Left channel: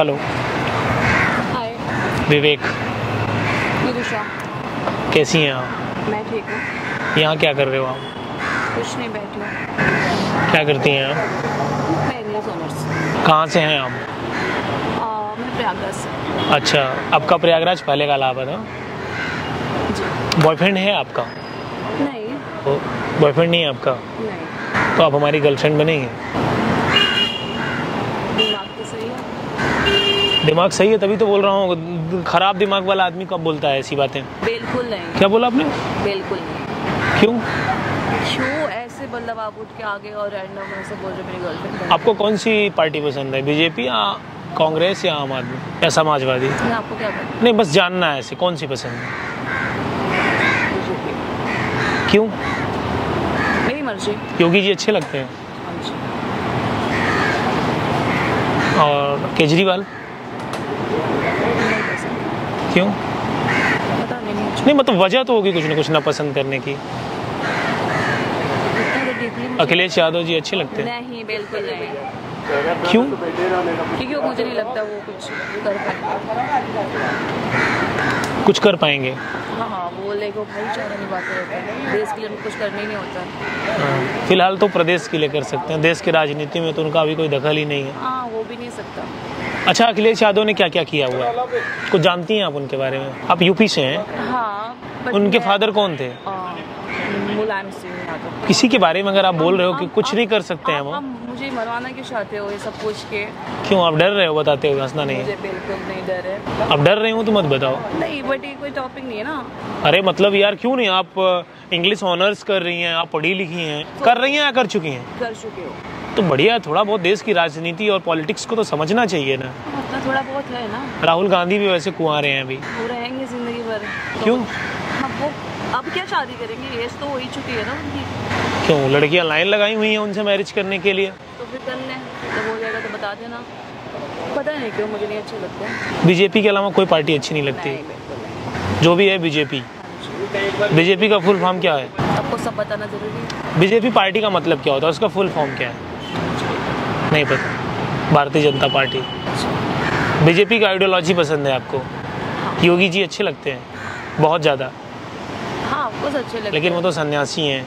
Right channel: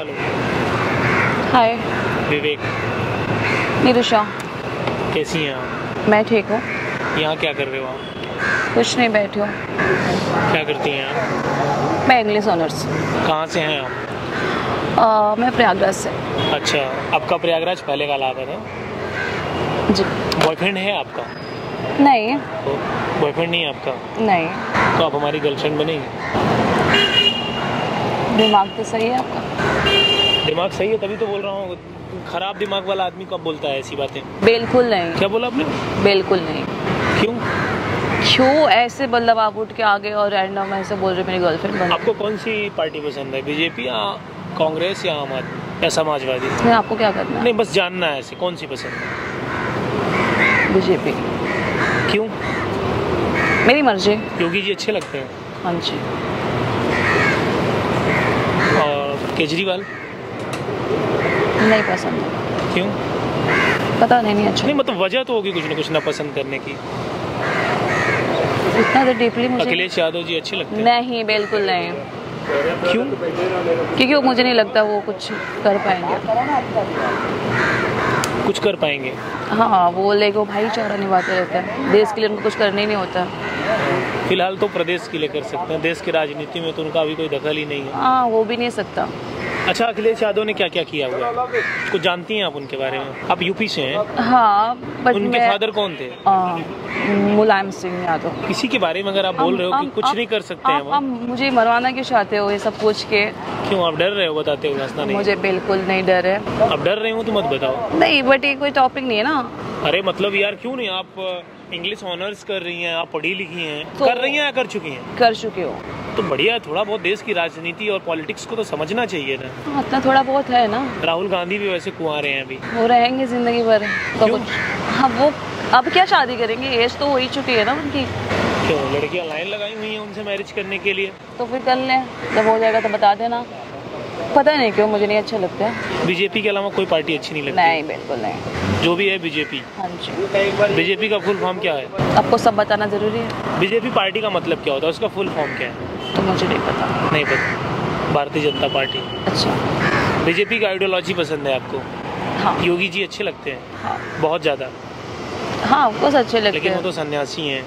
Hello. हाय। विवेक। निरुषा। कैसी हैं आप? मैं ठीक हूँ। यहाँ क्या कर रहे हो आप? कुछ नहीं, बैठी हूँ। क्या करती हैं आप? मैं इंग्लिश ऑनर्स। कहाँ से हैं आप? मैं प्रयागराज से। अच्छा, आपका प्रयागराज पहले का इलाहाबाद है? जी। बॉयफ्रेंड है आपका? नहीं। बॉयफ्रेंड नहीं है आपका? नहीं। तो आप हमारी गर्लफ्रेंड बनेंगे? दिमाग तो सही है आपका। दिमाग सही है तभी तो बोल रहा हूँ। खराब दिमाग वाला आदमी कब बोलता है ऐसी बातें? बिल्कुल नहीं। क्या बोला आपने? बिल्कुल नहीं। क्यों ऐसे मतलब आप उठ के आगे और रैंडम ऐसे बोल रहे मेरी गर्लफ्रेंड? आपको कौन सी पार्टी पसंद है, बीजेपी या कांग्रेस या आम आदमी या समाजवादी? नहीं, आपको क्या करना है? नहीं, बस जानना है ऐसे कौन सी पसंद है। बीजेपी। क्यों? मेरी मर्जी। योगी जी अच्छे लगते हैं? हाँ जी। और केजरीवाल? नहीं पसंद। क्यों? पता नहीं अच्छा। नहीं मतलब वजह तो होगी कुछ ना कुछ ना पसंद करने की। इतना तो डीपली मुझे अखिलेश यादव जी अच्छे लगते हैं? नहीं, बिल्कुल नहीं। क्यों? क्योंकि मुझे नहीं लगता वो कुछ कर पाएंगे। कुछ कर पाएंगे? हाँ, वो लेको भाईचारा निभाते रहते हैं, देश के लिए उनको कुछ करना ही नहीं होता। हाँ, फिलहाल तो प्रदेश के लिए कर सकते हैं, देश की राजनीति में तो उनका अभी कोई दखल ही नहीं है। हाँ, वो भी नहीं सकता। अच्छा, अखिलेश यादव ने क्या क्या किया हुआ कुछ जानती हैं आप उनके बारे में? आप यूपी से हैं? हाँ, बट उनके फादर कौन थे? मुलायम सिंह यादव। किसी के बारे में अगर आप बोल रहे हो कि कुछ नहीं कर सकते हैं वो? आप मुझे मरवाना क्यों चाहते हो ये सब पूछ के? क्यों, आप डर रहे हो बताते हो? हंसना नहीं। मुझे बिल्कुल नहीं डर है। आप डर रहे हो तो मत बताओ। नहीं, बट ये कोई टॉपिक नहीं है ना। अरे मतलब यार क्यों नहीं, आप इंग्लिश ऑनर्स कर रही हैं, आप पढ़ी लिखी हैं, कर रही हैं या कर चुकी हैं? कर चुके हो तो बढ़िया है, थोड़ा बहुत देश की राजनीति और पॉलिटिक्स को तो समझना चाहिए ना। मतलब थोड़ा बहुत है ना। राहुल गांधी भी वैसे कुंवारे हैं अभी। वो रहेंगे जिंदगी भर तो क्यों? हाँ, वो अब क्या शादी करेंगे, एज तो हो ही चुकी है ना उनकी। क्यों, लड़कियां लाइन लगाई हुई हैं उनसे मैरिज करने के लिए? तो फिर कर लें, जब हो जाएगा तो बता देना। पता नहीं क्यों मुझे नहीं अच्छा लगता है। बीजेपी के अलावा कोई पार्टी अच्छी नहीं लगती? नहीं, बिल्कुल नहीं। जो भी है बीजेपी। हाँ जी। बीजेपी का फुल फॉर्म क्या है? आपको सब बताना जरूरी है? बीजेपी पार्टी का मतलब क्या होता है, उसका फुल फॉर्म क्या है? तो मुझे नहीं पता। नहीं पता। भारतीय जनता पार्टी। अच्छा। बीजेपी का आइडियोलॉजी पसंद है आपको? हाँ। योगी जी अच्छे लगते हैं? हाँ। बहुत ज्यादा? हाँ, आपको अच्छे लगते लेकिन वो हैं तो सन्यासी हैं।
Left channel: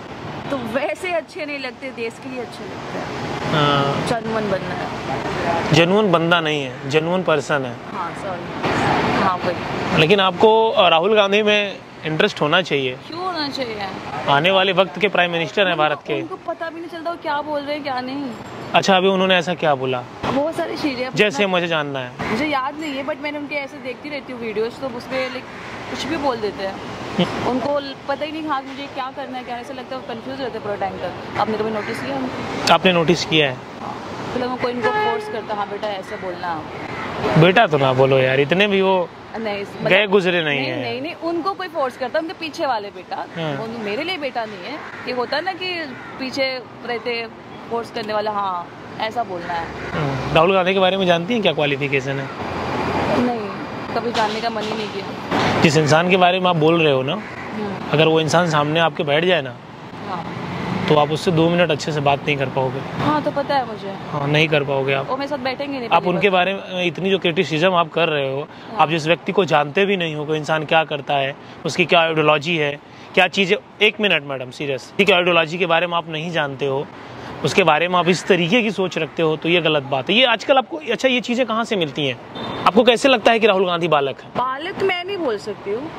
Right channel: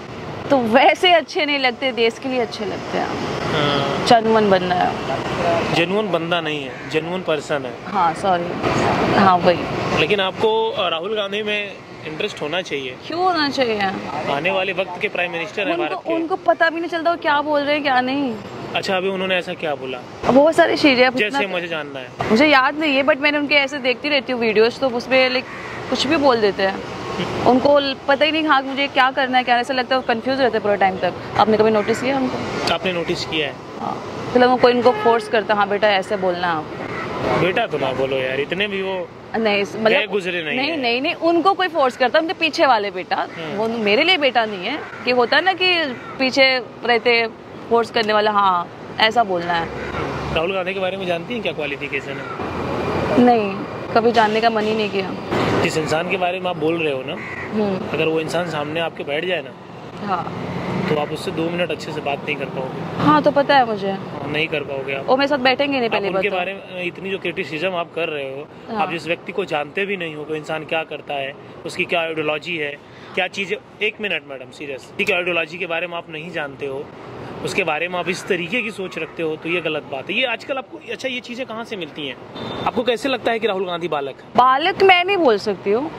तो वैसे अच्छे नहीं लगते, देश के लिए अच्छे लगते हैं। हाँ, चनमन बनना है। जेन्युइन बंदा नहीं है, जेन्युइन पर्सन है। हाँ, सॉरी। हाँ, वही। लेकिन आपको राहुल गांधी में इंटरेस्ट होना चाहिए। क्यों होना चाहिए? आने वाले वक्त के प्राइम मिनिस्टर हैं भारत के। उनको पता भी नहीं चलता वो क्या बोल रहे हैं क्या नहीं। अच्छा, अभी उन्होंने ऐसा क्या बोला? बहुत सारी चीजें जैसे मुझे जानना है। मुझे याद नहीं है, बट मैंने उनके ऐसे देखती रहती हूँ वीडियोस, तो उसमें लाइक कुछ भी बोल देते हैं। उनको पता ही नहीं हाँ मुझे क्या करना है, क्या ऐसा लगता है वो कंफ्यूज रहते हैं पूरे टाइम तक। आपने कभी नोटिस किया उनको? आपने नोटिस किया है? हाँ, मतलब वो कोई उनको फोर्स करता, हाँ बेटा ऐसे बोलना आप। बेटा तो ना बोलो यार, इतने भी वो नहीं गए गुजरे नहीं नहीं, है। नहीं नहीं, उनको कोई फोर्स करता, उनके पीछे वाले बेटा। वो मेरे लिए बेटा नहीं है कि होता है ना कि पीछे रहते फोर्स करने वाला, हाँ ऐसा बोलना है। राहुल गांधी के बारे में जानती हैं क्या क्वालिफिकेशन है? नहीं, कभी जानने का मन ही नहीं किया। जिस इंसान के बारे में आप बोल रहे हो ना, अगर वो इंसान सामने आपके बैठ जाए ना, हाँ, तो आप उससे 2 मिनट अच्छे से बात नहीं कर पाओगे। हाँ तो पता है मुझे। हाँ, नहीं कर पाओगे आप। वो मेरे साथ बैठेंगे नहीं। आप उनके बारे में इतनी जो क्रिटिसिज्म आप कर रहे हो, आप जिस व्यक्ति को जानते भी नहीं हो कि इंसान क्या करता है, उसकी क्या आइडियोलॉजी है, क्या चीज़ें। 1 मिनट मैडम, सीरियस, ठीक है, आइडियोलॉजी के बारे में आप नहीं जानते हो, उसके बारे में आप इस तरीके की सोच रखते हो, तो ये गलत बात है। ये आजकल आपको, अच्छा ये चीज़ें कहाँ से मिलती हैं? आपको कैसे लगता है कि राहुल गांधी बालक है? बालक मैं नहीं बोल सकती हूँ,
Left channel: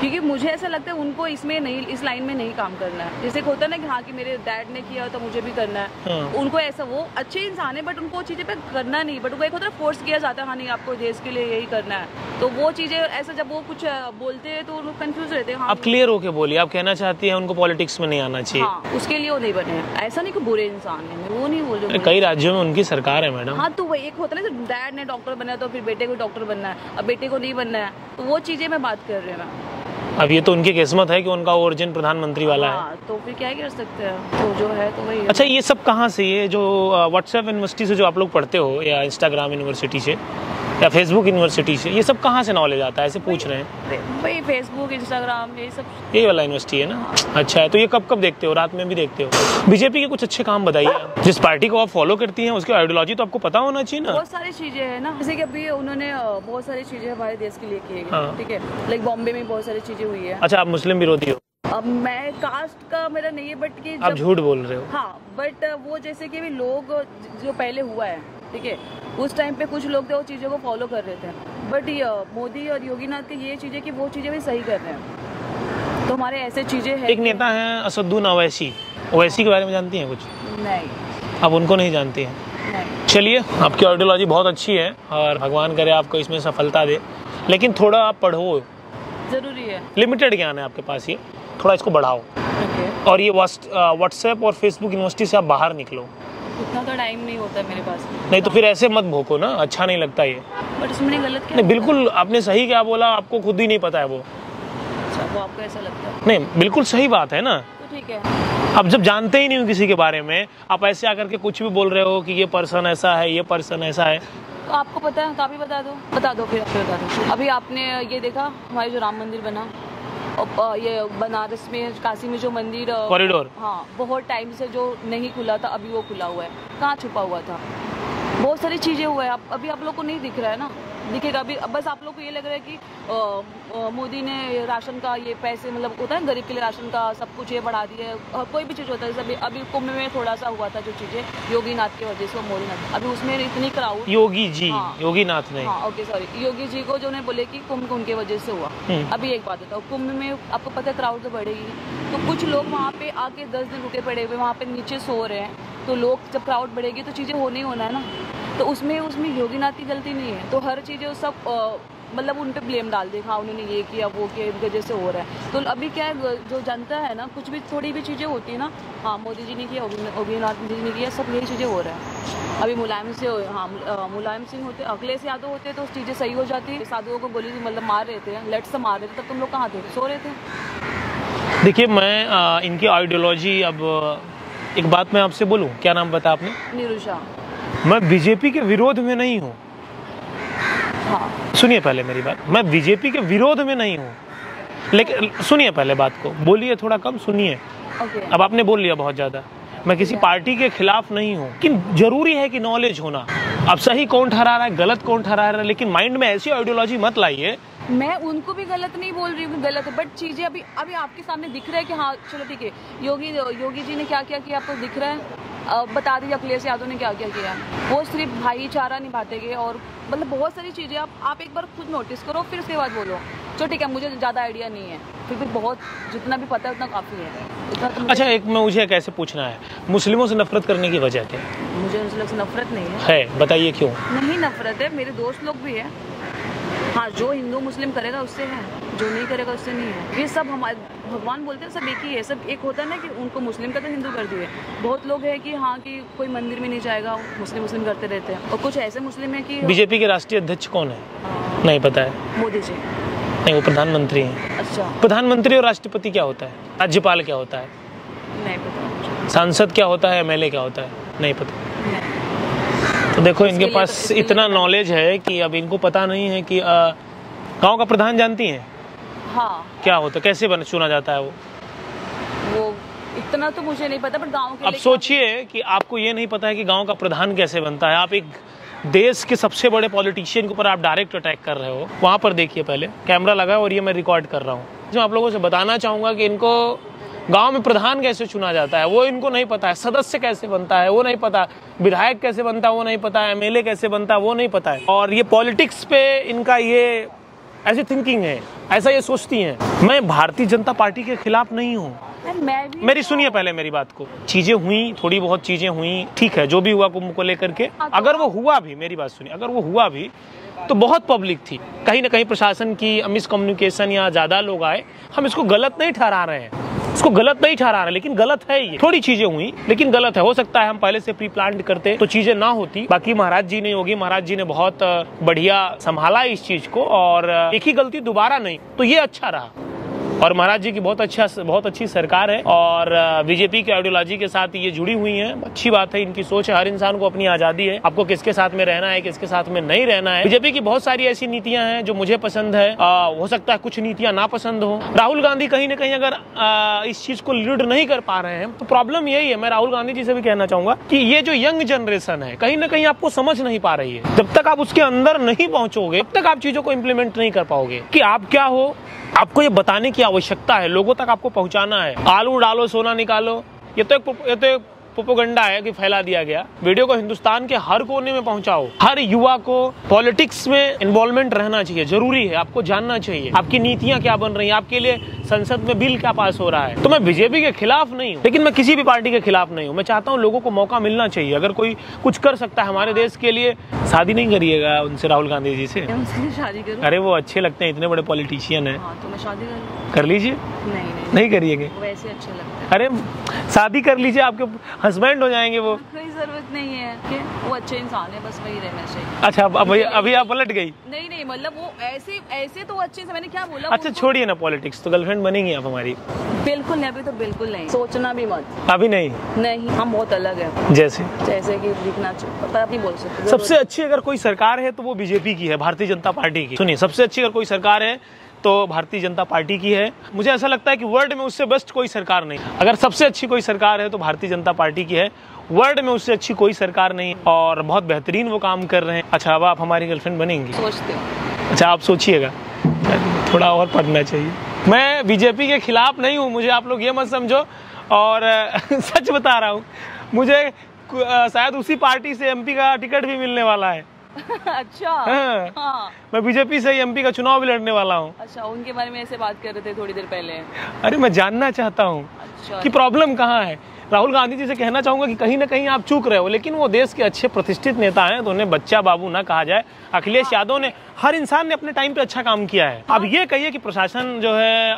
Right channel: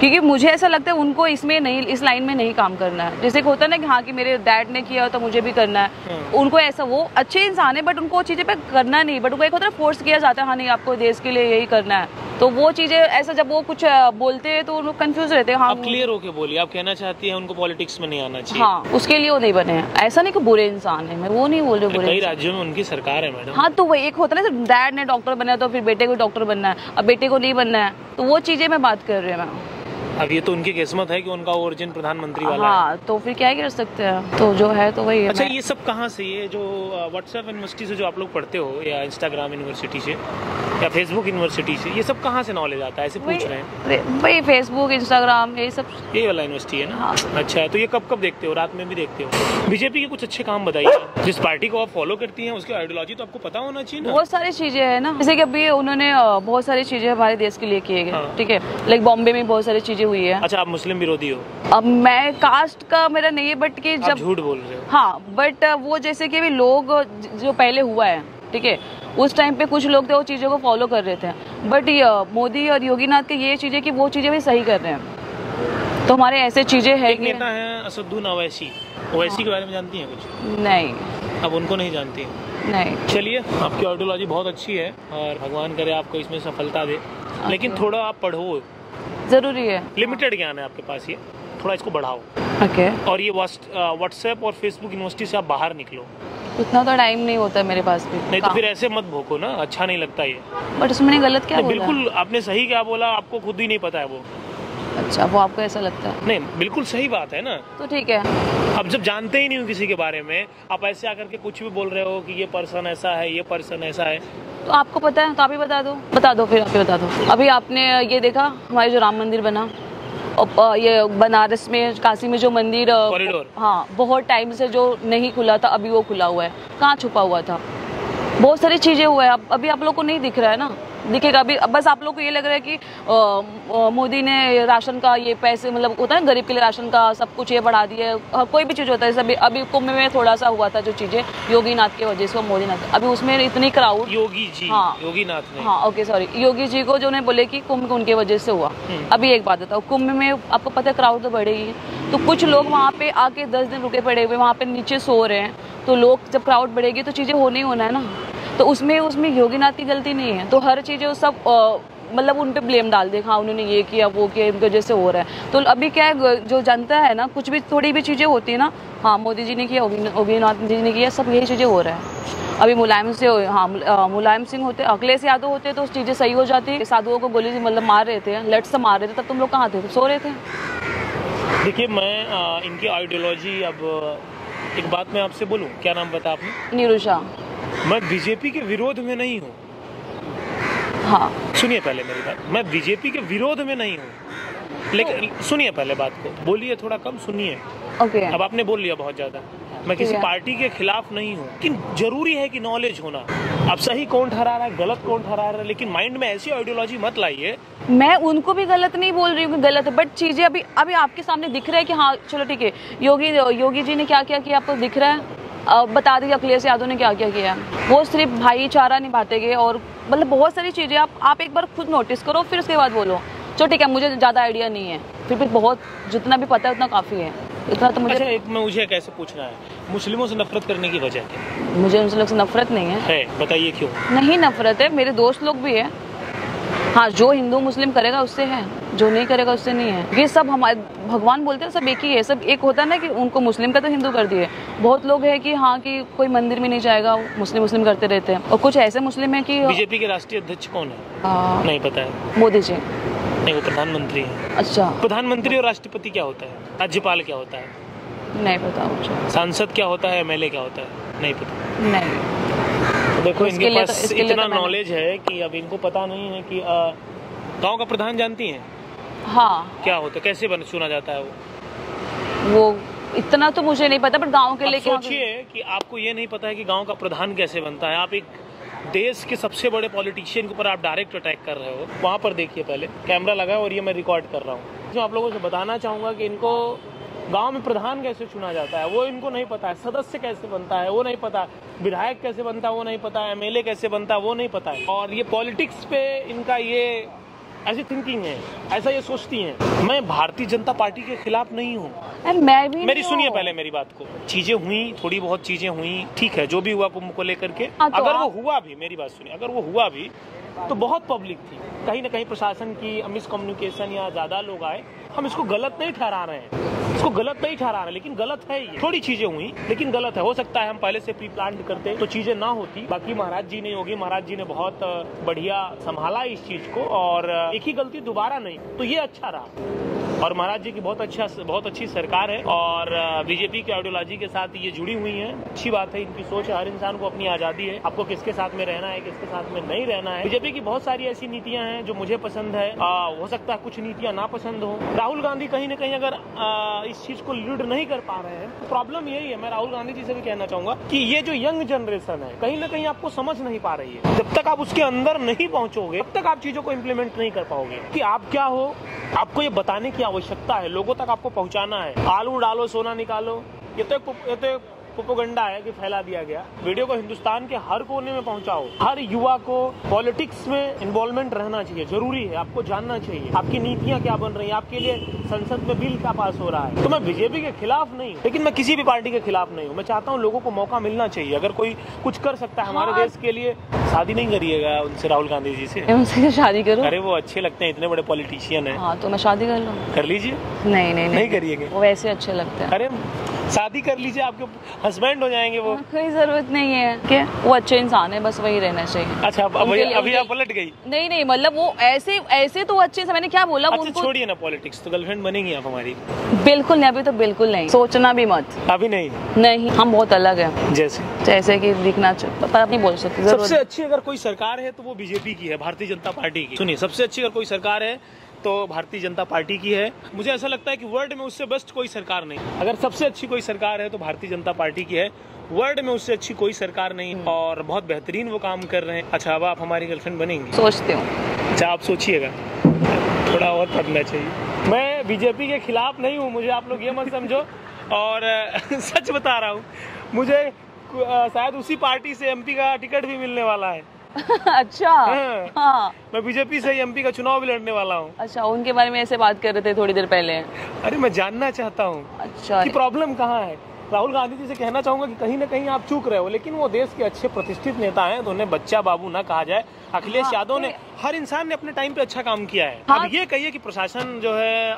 क्योंकि मुझे ऐसा लगता है उनको इसमें नहीं, इस लाइन में नहीं काम करना है। जैसे कि होता है ना कि हाँ कि मेरे डैड ने किया तो मुझे भी करना है। उनको ऐसा, वो अच्छे इंसान है बट उनको वो चीज़ें पे करना नहीं, बट उनको एक होता है फोर्स किया जाता है, हाँ नहीं आपको देश के लिए यही करना है, तो वो चीज़ें ऐसा जब वो कुछ बोलते हैं तो वो कंफ्यूज रहते हैं। हाँ, आप क्लियर होके बोलिए, आप कहना चाहती हैं उनको पॉलिटिक्स में नहीं आना चाहिए? हाँ, उसके लिए वो नहीं बने हैं। ऐसा नहीं कि बुरे इंसान है, मैं वो नहीं बोल रही हूँ। कई राज्यों में उनकी सरकार है मैडम। हाँ, तो वही एक होता है ना, डैड ने डॉक्टर बनना है तो फिर बेटे को डॉक्टर बनना है, अब बेटे को नहीं बनना है, तो वो चीज़ें मैं बात कर रही हूँ। अब ये तो उनकी किस्मत है कि उनका ओरिजिन प्रधानमंत्री वाला है। तो फिर क्या ही कर सकते हैं, तो जो है तो वही है। अच्छा, ये सब कहाँ से, ये जो व्हाट्सएप यूनिवर्सिटी से जो आप लोग पढ़ते हो या इंस्टाग्राम यूनिवर्सिटी से, या फेसबुक यूनिवर्सिटी से, ये सब कहाँ से नॉलेज आता है, ऐसे पूछ रहे हैं? भाई फेसबुक, इंस्टाग्राम, ये सब, ये वाला यूनिवर्सिटी है ना? हाँ। अच्छा है, तो ये कब कब देखते हो, रात में भी देखते हो? बीजेपी के कुछ अच्छे काम बताइए, जिस पार्टी को आप फॉलो करती हैं उसकी आइडियोलॉजी तो आपको पता होना चाहिए ना। बहुत सारी चीजें है ना, जैसे कि अभी उन्होंने बहुत सारी चीजें हमारे देश के लिए किए गए, हाँ। ठीक है, लाइक बॉम्बे में बहुत सारी चीजें हुई है। अच्छा, आप मुस्लिम विरोधी हो? अब मैं कास्ट का मेरा नहीं है, बट कि आप जब झूठ बोल रहे हो। हाँ, बट वो जैसे कि भी लोग जो पहले हुआ है, ठीक है, उस टाइम पे कुछ लोग थे वो चीज़ों को फॉलो कर रहे थे, बट मोदी और योगीनाथ के ये चीज़ें कि वो चीज़ें भी सही कर रहे हैं, तो हमारे ऐसे चीज़ें हैं। एक नेता है असदुद्दीन ओवैसी, ओवैसी के बारे में जानती हैं कुछ? नहीं। आप उनको नहीं जानती हैं? नहीं। चलिए, आपकी आइडियोलॉजी बहुत अच्छी है और भगवान करे आपको इसमें सफलता दे, लेकिन थोड़ा आप पढ़ो, जरूरी है, लिमिटेड ज्ञान है आपके पास, ये थोड़ा इसको बढ़ाओ। ओके। और ये व्हाट्सएप और फेसबुक यूनिवर्सिटी से आप बाहर निकलो। इतना तो टाइम नहीं होता मेरे पास भी। नहीं तो फिर ऐसे मत भोको ना, अच्छा नहीं लगता ये। बट उसमें गलत क्या? नहीं, बिल्कुल आपने सही क्या बोला, आपको खुद ही नहीं पता है वो। अच्छा, वो आपको ऐसा लगता है? नहीं, बिल्कुल सही बात है ना। तो ठीक है, अब जब जानते ही नहीं हो किसी के बारे में, आप ऐसे आकर के कुछ भी बोल रहे हो कि ये पर्सन ऐसा है, ये पर्सन ऐसा है, तो आपको पता है तो आप ही बता दो, फिर आप ही बता दो। अभी आपने ये देखा हमारे जो राम मंदिर बना, और ये बनारस में, काशी में जो मंदिर कॉरिडोर, हाँ, बहुत टाइम से जो नहीं खुला था, अभी वो खुला हुआ है। कहाँ छुपा हुआ था? बहुत सारी चीजें हुआ है, अभी आप लोग को नहीं दिख रहा है ना, दिखेगा अभी। बस आप लोग को ये लग रहा है कि मोदी ने राशन का ये पैसे, मतलब होता है गरीब के लिए राशन का सब कुछ ये बढ़ा दिया है, कोई भी चीज़ होता है। जैसे अभी कुंभ में थोड़ा सा हुआ था जो चीज़ें योगीनाथ की वजह से, मोदी नाथ, अभी उसमें इतनी क्राउड, योगी जी, हाँ, योगीनाथ नहीं, हाँ, ओके सॉरी, योगी जी को जो ने बोले कि कुंभ उनके वजह से हुआ। अभी एक बात बताओ, कुंभ में आपको पता है क्राउड तो बढ़ेगी, तो कुछ लोग वहाँ पे आके 10 दिन रुके पड़े हुए, वहाँ पे नीचे सो रहे हैं, तो लोग जब क्राउड बढ़ेगी तो चीज़ें होनी होना है ना। तो उसमें योगीनाथ की गलती नहीं है, तो हर चीज़ें सब मतलब उन पे ब्लेम डाल दे, हाँ उन्होंने ये किया वो किया, इनकी वजह से हो रहा है। तो अभी क्या है, जो जनता है ना, कुछ भी थोड़ी भी चीज़ें होती है ना, हाँ मोदी जी ने किया, योगीनाथ जी ने किया, सब यही चीज़ें हो रहा है। अभी मुलायम से, हाँ मुलायम सिंह होते, अखिलेश यादव होते तो चीज़ें सही हो जाती। साधुओं को गोली मतलब मार रहे थे, लट से मार रहे थे, तब तुम लोग कहाँ थे? सो रहे थे। देखिए, मैं इनकी आइडियोलॉजी, अब एक बात मैं आपसे बोलूं, क्या नाम पता आपने? निरुषा। मैं बीजेपी के विरोध में नहीं हूँ। हाँ, सुनिए पहले मेरी बात, मैं बीजेपी के विरोध में नहीं हूँ, लेकिन सुनिए पहले बात को, बोलिए थोड़ा कम सुनिए। ओके। अब आपने बोल लिया बहुत ज्यादा। मैं किसी पार्टी के खिलाफ नहीं हूँ, लेकिन जरूरी है कि नॉलेज होना। अब सही कौन ठहरा रहा है, गलत कौन ठहरा रहा है, लेकिन माइंड में ऐसी आइडियोलॉजी मत लाइए। मैं उनको भी गलत नहीं बोल रही हूँ, गलत, बट चीजें अभी आपके सामने दिख रहा है कि हाँ चलो ठीक है, योगी जी ने क्या क्या किया आपको दिख रहा है। बता दें अखिलेश यादव ने क्या क्या किया। वो सिर्फ भाईचारा निभाते गए, और मतलब बहुत सारी चीजें आप एक बार खुद नोटिस करो, फिर उसके बाद बोलो। चलो ठीक है, मुझे ज्यादा आइडिया नहीं है, फिर भी बहुत जितना भी पता है उतना काफी है, इतना तो मुझे। अच्छा, मुझे कैसे पूछना है, मुस्लिमों से नफरत करने की वजह क्या? मुझे उन लोग से नफरत नहीं है, बताइए क्यों नहीं नफरत है, मेरे दोस्त लोग भी है। हाँ, जो हिंदू मुस्लिम करेगा उससे है, जो नहीं करेगा उससे नहीं है। ये सब हमारे भगवान बोलते हैं, सब एक ही है। सब एक होता है ना कि उनको मुस्लिम का तो हिंदू कर दिए। बहुत लोग हैं कि हाँ कि कोई मंदिर में नहीं जाएगा, मुस्लिम करते रहते हैं। और कुछ ऐसे मुस्लिम है कि बीजेपी के राष्ट्रीय अध्यक्ष कौन है? नहीं पता है। मोदी जी। नहीं, वो प्रधानमंत्री हैं। अच्छा, प्रधानमंत्री और राष्ट्रपति क्या होता है? राज्यपाल क्या होता है? नहीं पता मुझे। सांसद क्या होता है? MLA क्या होता है? नहीं पता। नहीं। तो देखो, इनके पास इतना नॉलेज है कि अब इनको पता नहीं है कि गांव का प्रधान जानती हैं? हाँ। क्या होता है, कैसे चुना जाता है वो इतना तो मुझे नहीं पता, बट गांव के लिए सोचिए कि आपको ये नहीं पता है कि गांव का प्रधान कैसे बनता है। आप एक देश के सबसे बड़े पॉलिटिशियन के ऊपर आप डायरेक्ट अटैक कर रहे हो। वहां पर देखिए, पहले कैमरा लगा है और ये मैं रिकॉर्ड कर रहा हूँ। जो आप लोगों से बताना चाहूंगा कि इनको गांव में प्रधान कैसे चुना जाता है वो इनको नहीं पता है, सदस्य कैसे बनता है वो नहीं पता, विधायक कैसे बनता है वो नहीं पता है, MLA कैसे बनता है वो नहीं पता है। और ये पॉलिटिक्स पे इनका ये ऐसी थिंकिंग है, ऐसा ये सोचती हैं। मैं भारतीय जनता पार्टी के खिलाफ नहीं हूँ। मैं भी मेरी सुनिए पहले मेरी बात को। चीजें हुई, थोड़ी बहुत चीजें हुई, ठीक है, जो भी हुआ कुंभ को लेकर के। अगर वो हुआ भी, मेरी बात सुनिए, अगर वो हुआ भी तो बहुत पब्लिक थी, कहीं ना कहीं प्रशासन की मिसकम्युनिकेशन या ज्यादा लोग आए। हम इसको गलत नहीं ठहरा रहे हैं, इसको गलत नहीं ठहरा रहे, लेकिन गलत है ये। थोड़ी चीजें हुई लेकिन गलत है। हो सकता है हम पहले से प्री प्लान करते तो चीजें ना होती। बाकी महाराज जी ने, योगी महाराज जी ने बहुत बढ़िया संभाला इस चीज को, और एक ही गलती दोबारा नहीं, तो ये अच्छा रहा। और महाराज जी की बहुत अच्छी सरकार है और बीजेपी की आइडियोलॉजी के साथ ये जुड़ी हुई है। अच्छी बात है, इनकी सोच है, हर इंसान को अपनी आजादी है, आपको किसके साथ में रहना है, किसके साथ में नहीं रहना है। बीजेपी की बहुत सारी ऐसी नीतियां हैं जो मुझे पसंद है, हो सकता है कुछ नीतियां ना पसंद हो। राहुल गांधी कहीं ना कहीं अगर इस चीज को लीड नहीं कर पा रहे हैं तो प्रॉब्लम यही है। मैं राहुल गांधी जी से भी कहना चाहूंगा कि ये जो यंग जनरेशन है कहीं ना कहीं आपको समझ नहीं पा रही है। जब तक आप उसके अंदर नहीं पहुंचोगे तब तक आप चीजों को इम्प्लीमेंट नहीं कर पाओगे कि आप क्या हो। आपको ये बताने की आवश्यकता है, लोगों तक आपको पहुंचाना है। आलू डालो सोना निकालो, ये तो एक प्रोपेगेंडा है कि फैला दिया गया। वीडियो को हिंदुस्तान के हर कोने में पहुंचाओ। हर युवा को पॉलिटिक्स में इन्वॉल्वमेंट रहना चाहिए, जरूरी है। आपको जानना चाहिए आपकी नीतियां क्या बन रही हैं, आपके लिए संसद में बिल क्या पास हो रहा है। तो मैं बीजेपी के खिलाफ नहीं हूँ, लेकिन मैं किसी भी पार्टी के खिलाफ नहीं हूँ। मैं चाहता हूँ लोगों को मौका मिलना चाहिए। अगर कोई कुछ कर सकता है हमारे देश के लिए। शादी नहीं करिएगा उनसे, राहुल गांधी जी से? उनसे शादी करूं? अरे वो अच्छे लगते हैं, इतने बड़े पॉलिटिशियन है। हाँ, तो मैं शादी कर लूं? कर लीजिए। नहीं करिएगा? वो वैसे अच्छे लगते हैं। अरे शादी कर लीजिए, आपके हस्बैंड हो जाएंगे वो। कोई जरूरत नहीं है क्या? वो अच्छे इंसान है, बस वही रहना चाहिए। अच्छा, अभी आप पलट गई? नहीं, मतलब वो ऐसे तो अच्छे से, मैंने क्या बोला? अच्छा छोड़िए ना पॉलिटिक्स, तो गर्लफ्रेंड बनेंगी आप हमारी? बिल्कुल नहीं, अभी तो बिल्कुल नहीं, सोचना भी मत। अभी नहीं, हम बहुत अलग हैं। जैसे कि दिखना पता नहीं बोल सकते। सबसे अच्छी अगर कोई सरकार है तो वो बीजेपी की है, भारतीय जनता पार्टी की। सुनिए, सबसे अच्छी अगर कोई सरकार है तो भारतीय जनता पार्टी की है। मुझे ऐसा लगता है कि वर्ल्ड में उससे बेस्ट कोई सरकार नहीं। अगर सबसे अच्छी कोई सरकार है तो भारतीय जनता पार्टी की है, वर्ल्ड में उससे अच्छी कोई सरकार नहीं, और बहुत बेहतरीन वो काम कर रहे हैं। अच्छा, अब आप हमारी गर्लफ्रेंड बनेंगी? सोचती हूँ। अच्छा, आप सोचिएगा, थोड़ा और पढ़ना चाहिए। मैं बीजेपी के खिलाफ नहीं हूँ, मुझे आप लोग ये मत समझो। और सच बता रहा हूँ, मुझे शायद उसी पार्टी से एमपी का टिकट भी मिलने वाला है। अच्छा। हाँ। मैं बीजेपी से एमपी का चुनाव भी लड़ने वाला हूँ। अच्छा, उनके बारे में ऐसे बात कर रहे थे थोड़ी देर पहले। अरे मैं जानना चाहता हूँ अच्छा कि प्रॉब्लम कहाँ है। राहुल गांधी जी से कहना चाहूंगा कि कहीं ना कहीं आप चूक रहे हो, लेकिन वो देश के अच्छे प्रतिष्ठित नेता हैं तो उन्हें बच्चा बाबू ना कहा जाए। अखिलेश यादव ने, हर इंसान ने अपने टाइम पे अच्छा काम किया है। अब ये कहिए कि प्रशासन जो है,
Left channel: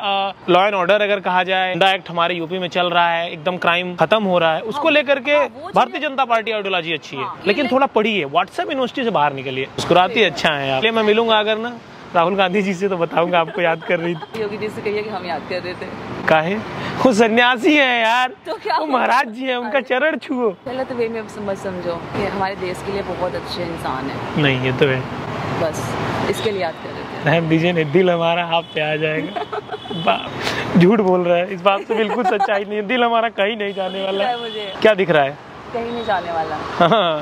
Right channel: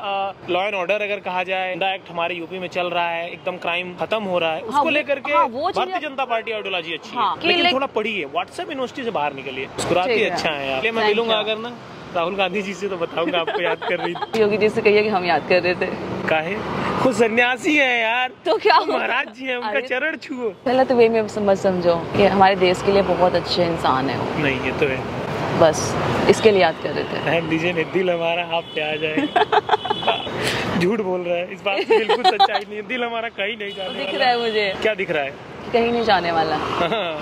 लॉ एंड ऑर्डर अगर कहा जाए, गुंडा एक्ट हमारे यूपी में चल रहा है, एकदम क्राइम खत्म हो रहा है, उसको लेकर के भारतीय जनता पार्टी आइडियोलॉजी अच्छी है। लेकिन थोड़ा पढ़िए, व्हाट्सएप यूनिवर्सिटी से बाहर निकलिए, मुस्कुराते अच्छा है आप। मैं मिलूंगा अगर ना राहुल गांधी जी से तो बताऊंगा आपको याद कर रही थी। योगी जी से कहिए कि हम याद कर रहे थे। काहे? वो सन्यासी है यार, तो क्या वो महाराज जी है, उनका चरण छुओ। पहले तो वे में समझो कि हमारे देश के लिए बहुत अच्छे इंसान है। नहीं, ये तो है, बस इसके लिए याद कर रहे थे। रहन दीजिए, दिल हमारा आप पे आ जाएगा। झूठ बोल रहा है, इस बात से बिल्कुल सच्चाई नहीं है। दिल हमारा कहीं नहीं जाने वाला। मुझे क्या दिख रहा है? कहीं नहीं जाने वाला।